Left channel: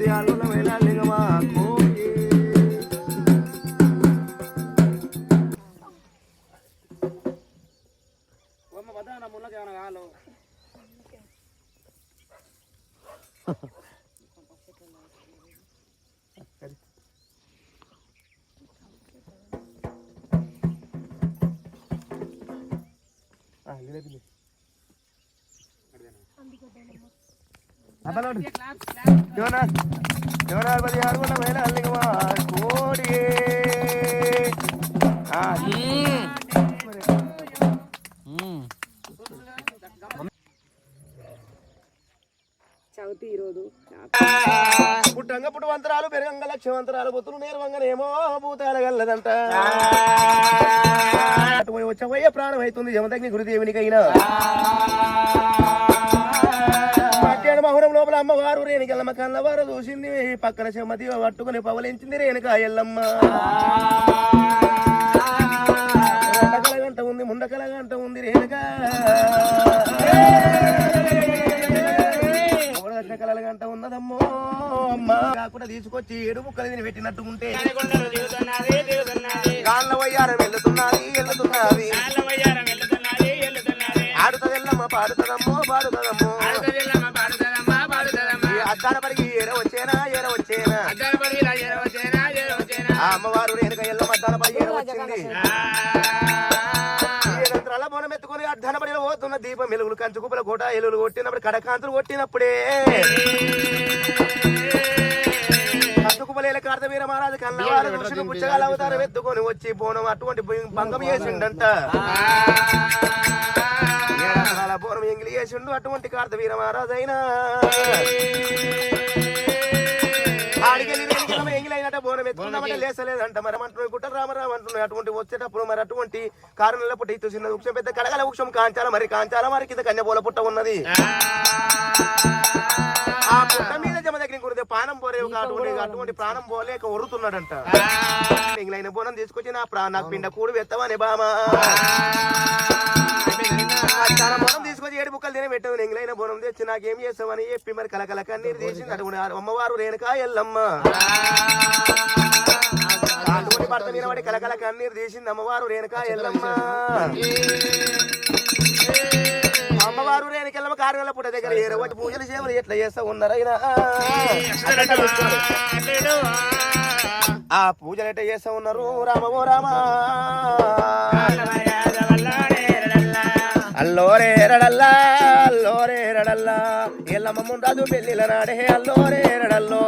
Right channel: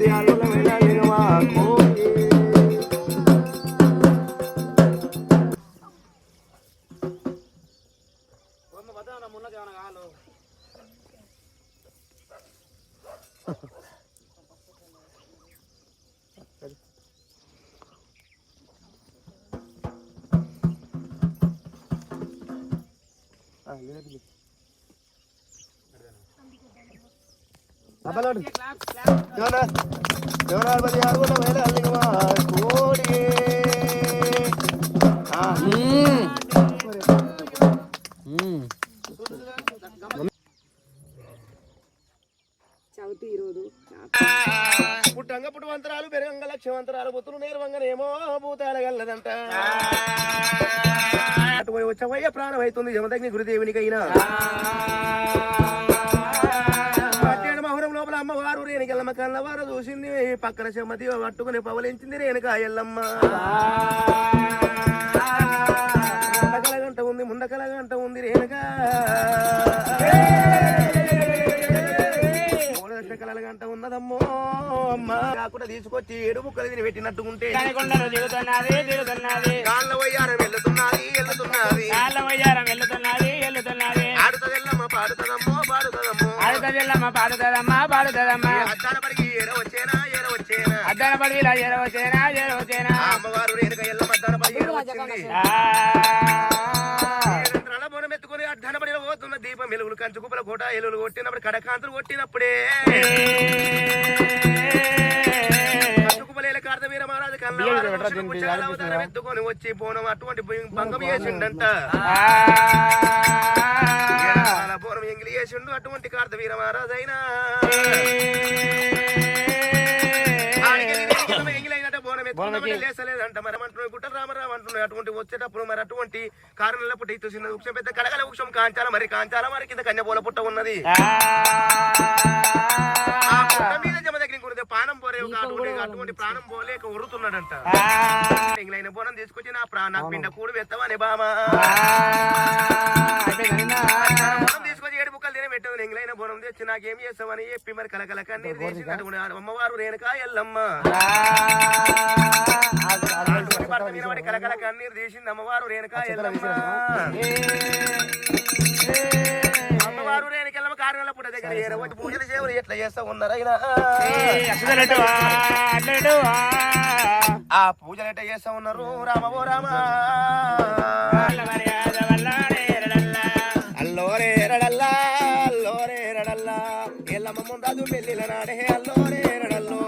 పది ఆరుల వేళ కోడి చవితి ఈరోజు పుట్టంగ పుట్టవంతరాలు పెరగంగ లక్ష్యవంతరాలు బొత్తులు నేర్వంగనేమో భూతాల గల్లదంట అటు పోయి వచ్చవయ్య ప్రాణం అవుతుంది జమదగ్ని గురుదేవునికైనా పట్టేడు మహురం లోపల అమ్మవారు రేణుకెళ్ళమ్మ కన్నవారు చూసింది పక్కన చెమ్మతి పట్టుకుని పవలించింది రేణుకా ఎల్లమ్మ ముండకల గంట ఉంది ముండకల గంట ఉంది రేణుకా కలల గంట ఉన్నదమ్మో అమ్మ కాకుండా తీసుకొచ్చి ఏడు ముక్కలు తిని పెట్టినట్టుకుంటే గాళ్ళ వయ్యారం వెళ్తున్నది ఆడుతదెల్లమ్మ పాడుతదమ్మో అద్దాల పడికి ఏర వచ్చేనా ఆ అమ్మవారు రేణుక ఎల్లమ్మ అద్దాల పడి ఏర వచ్చింది బోనం ఎత్తుకుని అడ్డాన పడిన పోతున్న దీపం వెలుగులు కంచు కుప్పల కోట ఎలుగులు కొట్టినప్పుడు కడకాంతులు కొట్టినప్పుడే కంచు కుప్పలేల కార్త వీర మహారాజు కన్నవారు ఋషులు పుచ్చగాలు అవతారం ఎత్తుకొని వచ్చి బోనం అటువంటి భంగం చేసిండంట బోనం ఎంగిలి చేసిండు అటువంటి కార్త వీర మహారాజు అయినా ఆడికెళ్ళి ఎంగిలైనట్ట బోనం ఎత్తుకున్నామంటే లేసలేదంట మరి అంటున్నాయి గుట్ట రామరావు అంటున్నాయి అటువంటి వచ్చేటప్పుడు మరి అటువంటి కారణంలో పుట్ట ఇటు చిన్న వృక్షం పెద్ద కడగల వృక్షం కాంచాల మరి కింద కన్యబోల పుట్ట ఉన్నది ఆ పుట్ట మీద జమదగ్ని గురితే ప్రాణం పోరేవు అటువంటి ప్రాణం పోలేక ఒరుతున్నాడంట ఎంగిలైన బోనం తీసుకొచ్చి నాకు పిండ కూడు వెత్తవని బామా చాలా బోనం తీసుకొచ్చి ఏడు ముక్కలు తినే పెట్టదు ఎంగిలైన బోనం తెచ్చి నాకేం చేస్తామని చెప్పి మరి కలకల కన్నీరు తీసింది అటువంటి అమ్మవారు రేణుకా ఎల్లమ్మ అటువంటి భర్త మీద వాడి కలకల కన్నీరు తీసింది అమ్మవారు రేణుకా ఎల్లమ్మ అమ్మవారు రేణుకెళ్ళమ్మ కారుగల పుట్ట దగ్గర ఏరవటి పూజలు సేవలు ఎట్లా చేస్తా ఉన్నారైనా ఆ పూజలు ఎట్లా చేస్తా ఉన్నారు రామవో రామా అల్లోరే రడల్లా ఎల్లమ్మ ముందు పెళ్ళిల నాడే అల్లోరే రడల్లో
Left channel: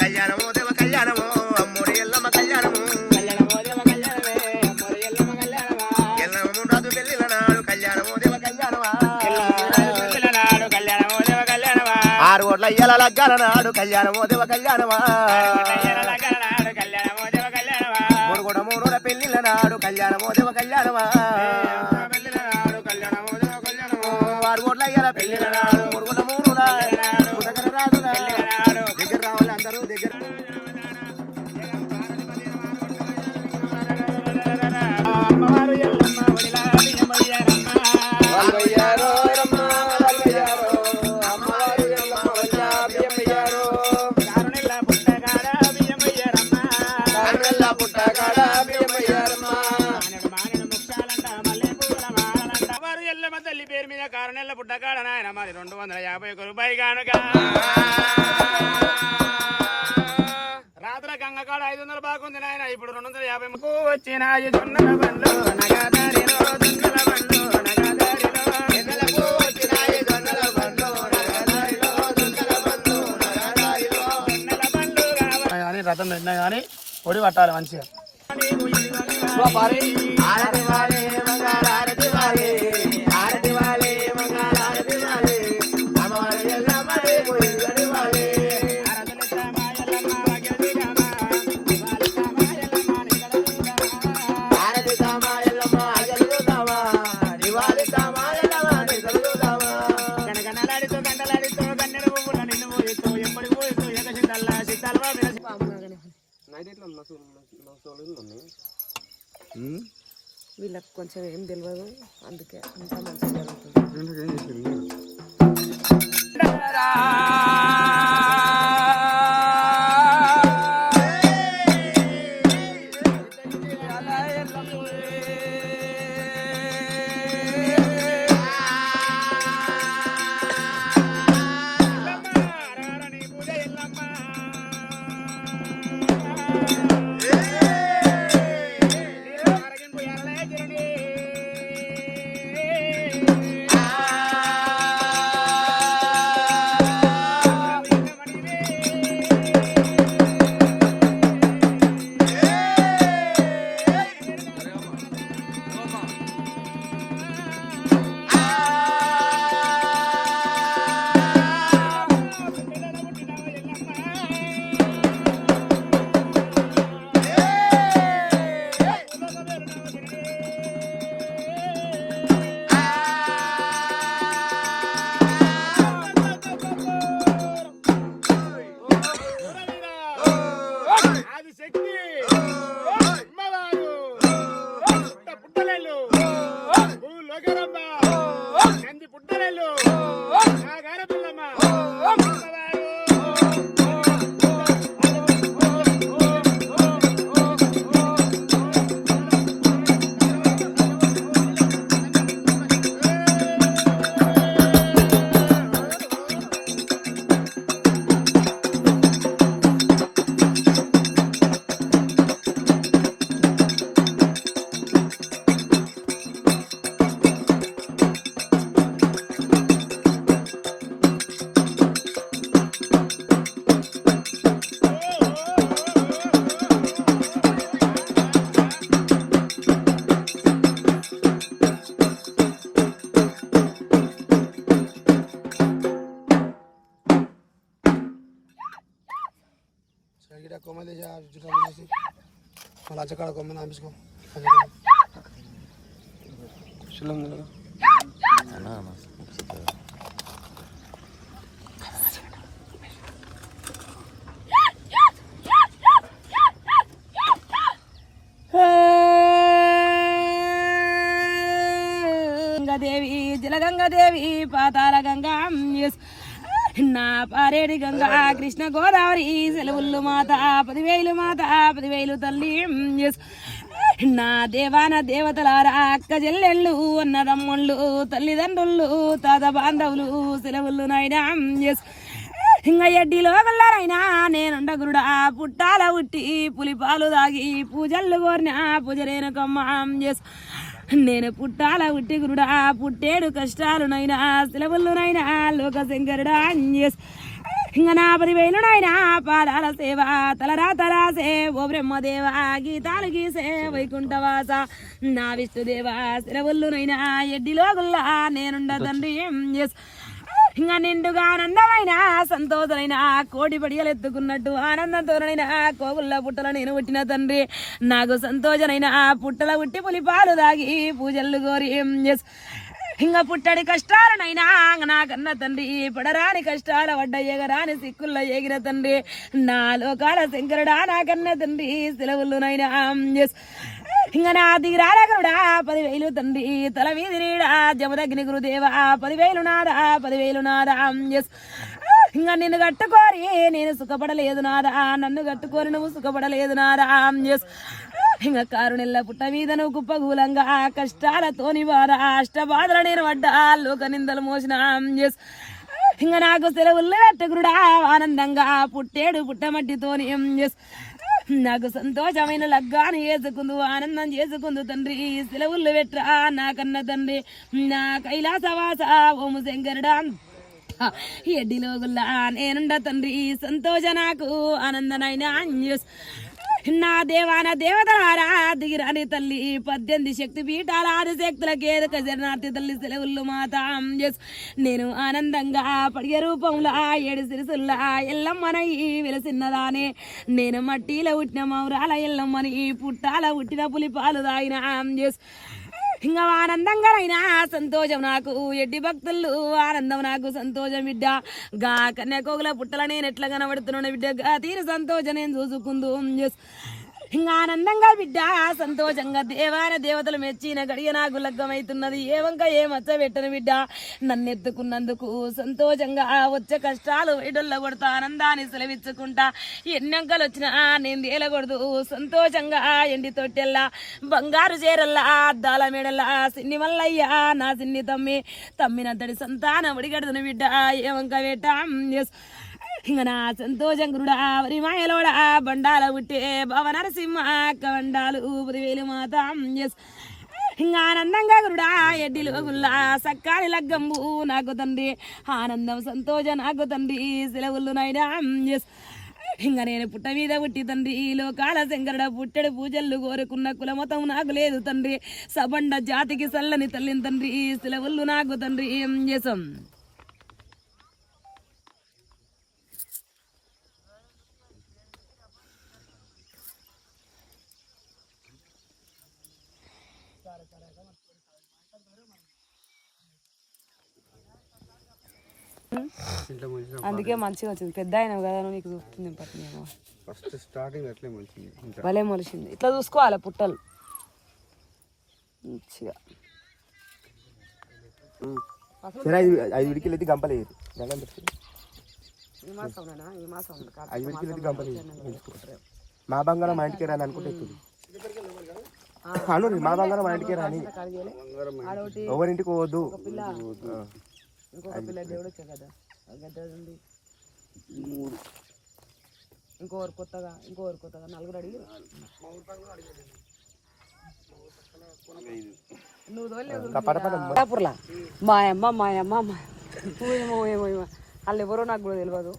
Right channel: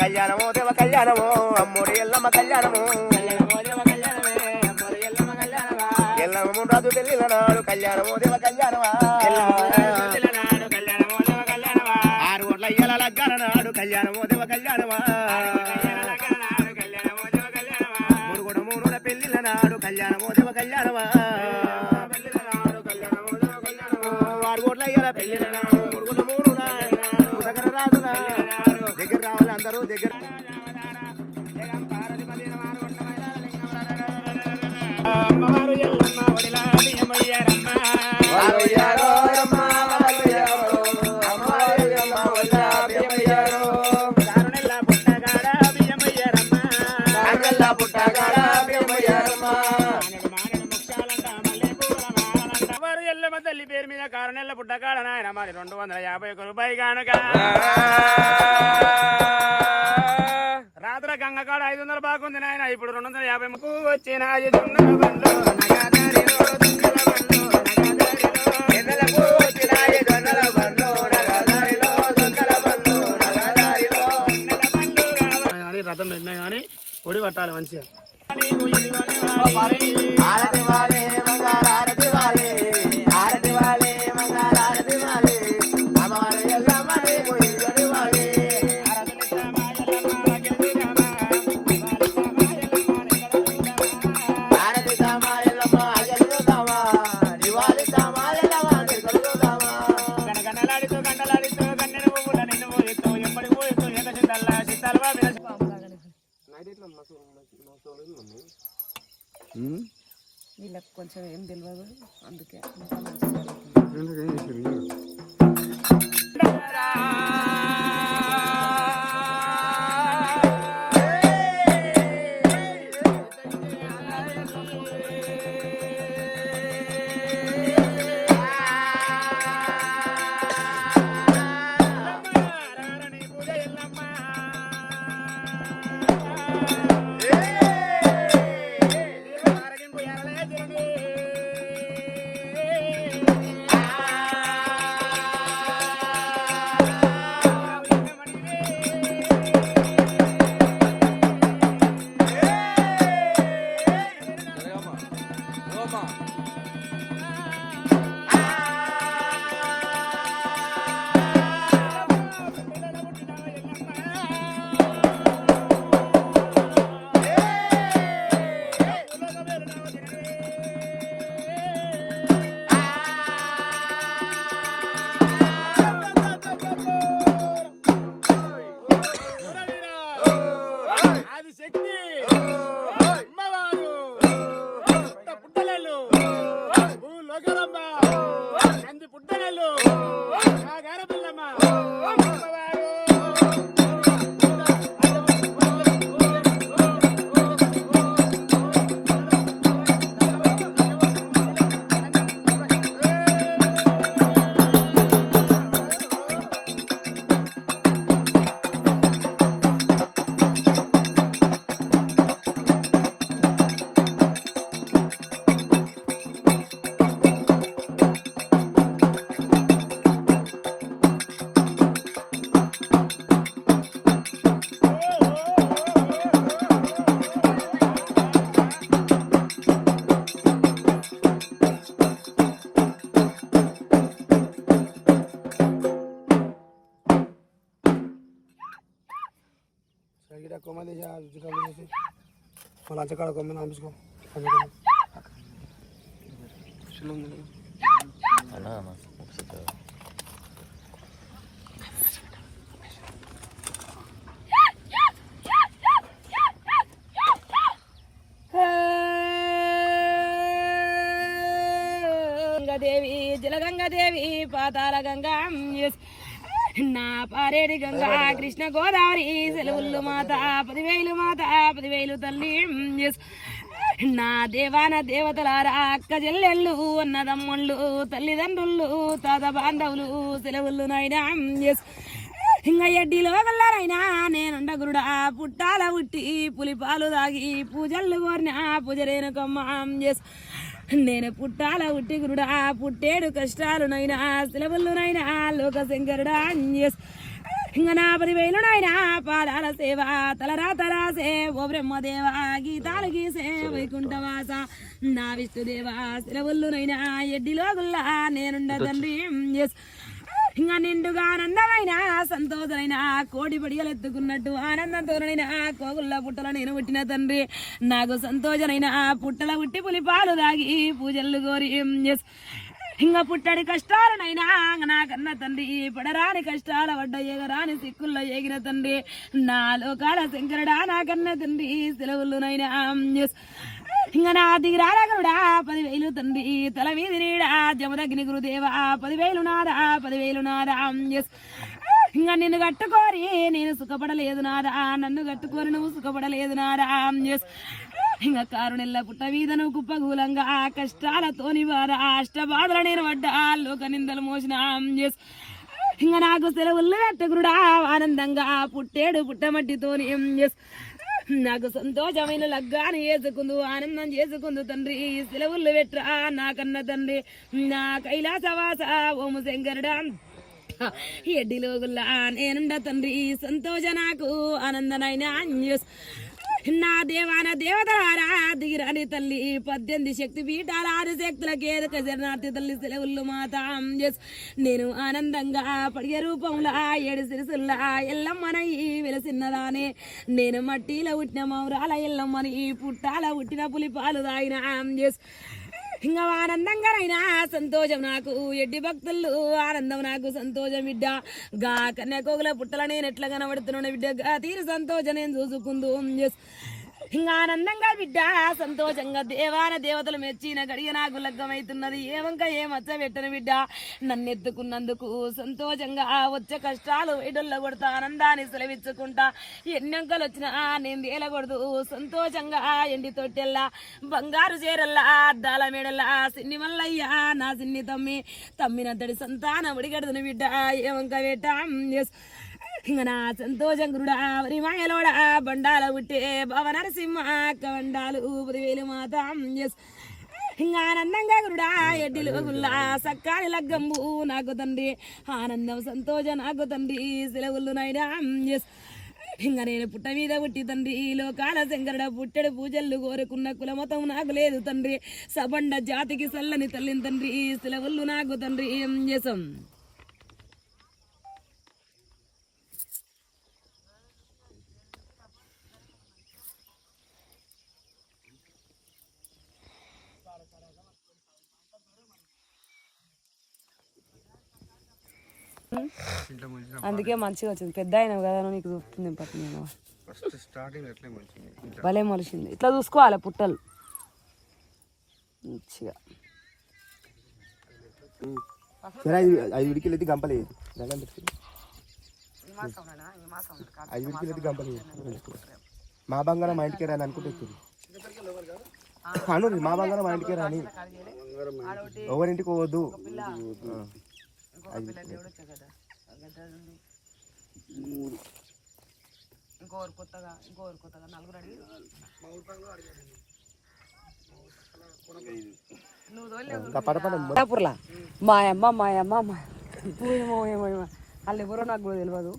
కళ్యాణమో దేవ కళ్యాణమో అమ్మోడి ఎల్లమ్మ కళ్యాణమో ఎల్లమ్మ ముందు పెళ్ళిల నాడు కళ్యాణమో దేవ కళ్యాణమా 6 కోట్ల ఇయ్యాల లగ్గాల నాడు కళ్యాణమో దేవ కళ్యాణమా 3 పెళ్ళిల నాడు కళ్యాణమో దేవ కళ్యాణమా 6 కోట్ల ఇయ్యాల పెళ్ళిల నాడు 3 దగ్గర రాదురా దగ్గర రావాలి అందరూ దగ్గర తల్లి పేరు మీద కారణాల పుట్టకాడ నాయన మరి 250 రూపాయలు కానుక రాత్రి గంగకాడ 500 బాగుంది నాయన ఇప్పుడు 250 వచ్చిన రథం పెట్టినా కానీ పొడి పట్టాలి మంచిగా వీళ్ళకి కొంచెం ఏం తెలియదు అందుకే అంత మంచిగా జరుగుతుంది. లంచకాడ కొమ్మిన అంపించుకో గంగాదేవి జలగంగాదేవి పాతాల గంగా నా పారేడి గంగా కృష్ణ గోదావరి సెలవుళ్ళు మాత 10,000 మాత 10,000 తల్లి నా దేవాన దేవతలారా అక్క చెల్లెళ్ళు అన్నదమ్ముళ్ళు తల్లిదండ్రులు తాత బాంధవులు సెలవుళ్ళు నాయనా ఇంక ఎడ్డిలో గల్లారైనా నేనుండ గురుడా పుట్టాల ఉట్టి పులిపాలు దాగి పూజలు కోరిన పూజరేనకమ్మ నేను పుట్టాల ఉట్టి గురుడా పుట్టేడు కష్టాలునైనా సెలవులునైనా లోక శంకరుడా ఇంక నా 10,000 నాయనా పాదాల సేవ తలరా తరాసే ఓ బ్రహ్మదేవ గీతాలు గీసే వైకుంఠవాస నా విష్ణుదేవ సెలవులునైనా ఎడ్డిలో గుల్లా నేనుండ తండ్రి ఇంకా నిండుగా ఆనందమైన సంతోషమైన కోడి పడిగలు ఎత్తుకున్నట్టు ఆనందంతోనైనా కోగుళ్ళ పుట్టల నేను పుట్టిన తండ్రి నాకు సంతోషనైన పుట్టల పుట్టి పులిపాలు దాగి పూజలు కోరి ఇంకా పుట్టడి కష్టాలనైనా నా కన్న తండ్రి పడరాని కష్టాల పడ్డ ఎగరాని సిక్కుల్లో ఎగిన తండ్రి నా లోకాల శంకరుడా నా కన్న తండ్రి సెలవులునైనా ఇంకా నా దిగిరాల గరుడా 10,000 తండ్రి తల వీధి నీడా జమదగ్ని గురుదేవా 10,000 నాదా 10,000 నాదా ఇంకా నిన్ను కట్టుకోరి నేను సుఖపడలేదు నాదా నన్ను కట్టుకోరి నువ్వు సుఖపడలేదు నాదా ఇంకా కారునెల్ల పుట్ట మీద నువ్వు కుప్పగూలంగా కష్టాలతోని బాధ అష్టబాధలు నేను పడ్డా లోక నిందలు మోసిన ఇంకా నాకు సెలవులు కట్టుకురుడా ఆనందంగా పుట్టేడు పుట్టమట్టితోని నాకు సంతోషమైన లగ్గాను చేసుకుందు ఆనందం చేసుకుందు తండ్రి సెలవులు పెట్టరా నా కన్న తండ్రి నా కైలాసవాస ఓము శంకరుడా ఎడ్డిలో గుల్లా నేనుండ తండ్రి సంతోష నాకు ఆనందనైనా నా దేవాన దేవతలారా దిగిరాని తల్లి 18 శక్తి పీఠాల 6 శక్తుల కేదక జగన్నాథి తల్లి సెలవులు మాత నేను ఆనందంగా పడిగే రూపంలో 7 సిరిసుల్లా ఎల్లమ్మనై వెలసిన్నదానే నేను మట్టిలో పుట్టిన మౌరాల ఎల్లమ్మని పుట్టాల పుట్టిన పులిపాలు దాగిన ఇంకా ఆనందంగా అయినా సంతోషం నాకు ఎడ్డి భక్తులు ఆనందం నాకు సంతోషం బిడ్డ గా కన్యాకోగుల పుట్టల నేను ఎట్లా కనబడుతున్నాను బిడ్డ గా తీరు సంతోషం నేను చూసుకుందు ఇంకా ఆనందంగా బిడ్డ సంతోషంగా దేవాన దేవతలు మెచ్చిన గడియ నాకు లగ్గమైతున్నది ఏ వంక ఏ మచ్చ పెట్టను బిడ్డ నన్ను ఎత్తుకున్నందుకు సంతోషంగా వచ్చే కష్టాలు వైడొల్ల కొడతా ఆనందాన్ని సెలవిచ్చుకుంటా ఎన్నంకలు వచ్చినా నేను తేలకూడదు సంతోషంగా ఎండి తొట్టెల్లా బంగారు చీరల్లా అద్దాల మేడల్లా సిన్ని మల్లయ్య నా సిన్ని తమ్మినంతటి సంతానం ఉడిగడుతున్న బిడ్డ ఏ వంక పెట్ట ఇంక నా సంతోషం గురుడా వరి మాయలోడా బండాల పుట్టే భవ నరసింహ కవండాలు 10,000 మాత ఇంకా ఆనందంగా గురుడా ఎడ్డిలో గుల్లా సక్కాని లగ్గంబు నాకు తండ్రి ఆనందం సంతోషం నాకు తండ్రి సెలవులు నాయనా ఇంకా నేను పుట్ట మీద పుట్టి తండ్రి లోకాల శంకరుడ పుట్టెడు పూజలు కోరుకున్న కులమతం నాకు లేదు తండ్రి సబండ జాతికి సల్లని తల్లిని తండ్రి సెలవులు నాకు తండ్రి ఏం చేసాం అందుకే మంచిగా వచ్చింది పెద్ద అయినా కదా నీకు చూస్తుంది ఫస్ట్ స్టార్టింగ్ అట్లే మొలిచింది భలే మొలిచింది ఇట్లా చూసుకోవాలి పుట్టలు మంచిగా సరే 5 విడికిలెత్తి గంపలేదు 5 విడికిలెత్తి గంపలేదు మా బంగారం మా ఇంటికి రాని అనుకుంటే అను మా బంగారం మా ఇంటికి రాని ఎవరింటికి పోవద్దు ఇంకోరు కొత్తగా 4 అడిగి మాయమ్మ వాళ్ళు ఎవరో నాకు కూడా తెలియదు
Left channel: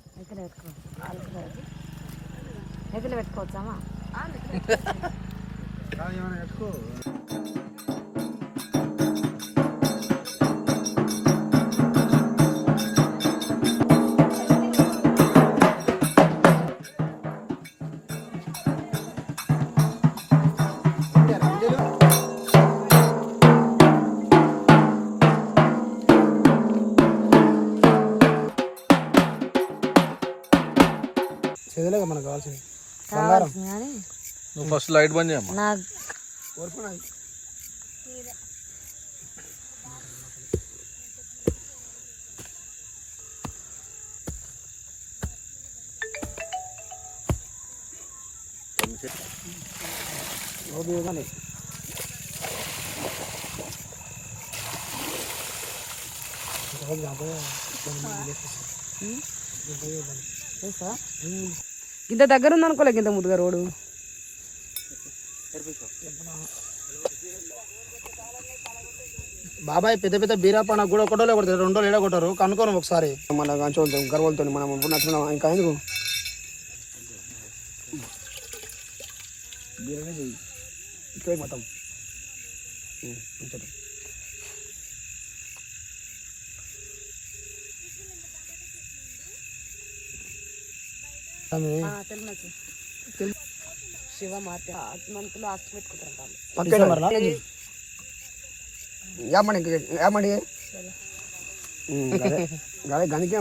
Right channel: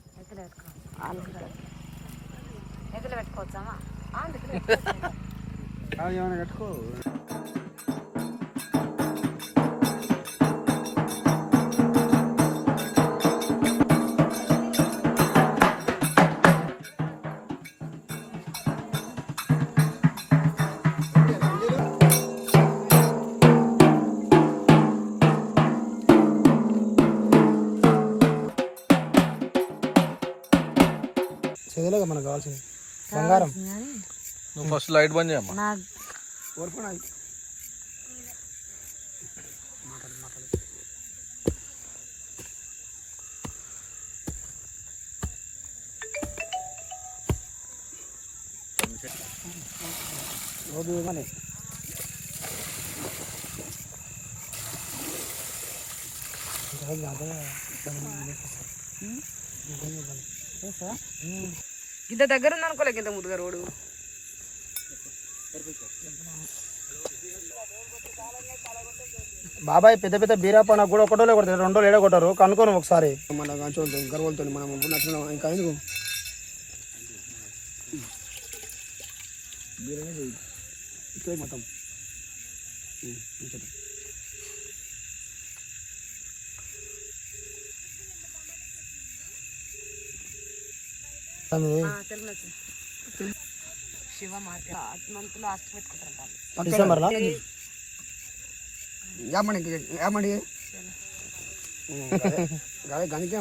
ఎదురు పెట్టుకోవచ్చామా ఫస్ట్ లైట్ బంద్ చేయమ్మా. ఇంత దగ్గర ఉంది అనుకోలేక ఇంత ముద్దుగా రోడ్డు. బాబాయ్ పెద్ద పెద్ద బీరాపన కూడా ఒకటో కొడతారు, రెండో ఏడో కొట్టారు, కనుక్కోను ఒకసారి. మన గంచోలుతాం గర్వలతో మనం నచ్చుకున్నాం. ఇంకా ఎందుకు ఇక్కడ మొత్తం శివ మార్కెట్ మంత్లో ఆస్తి పెట్టుకుంటారు. యామండి యామండి గనికి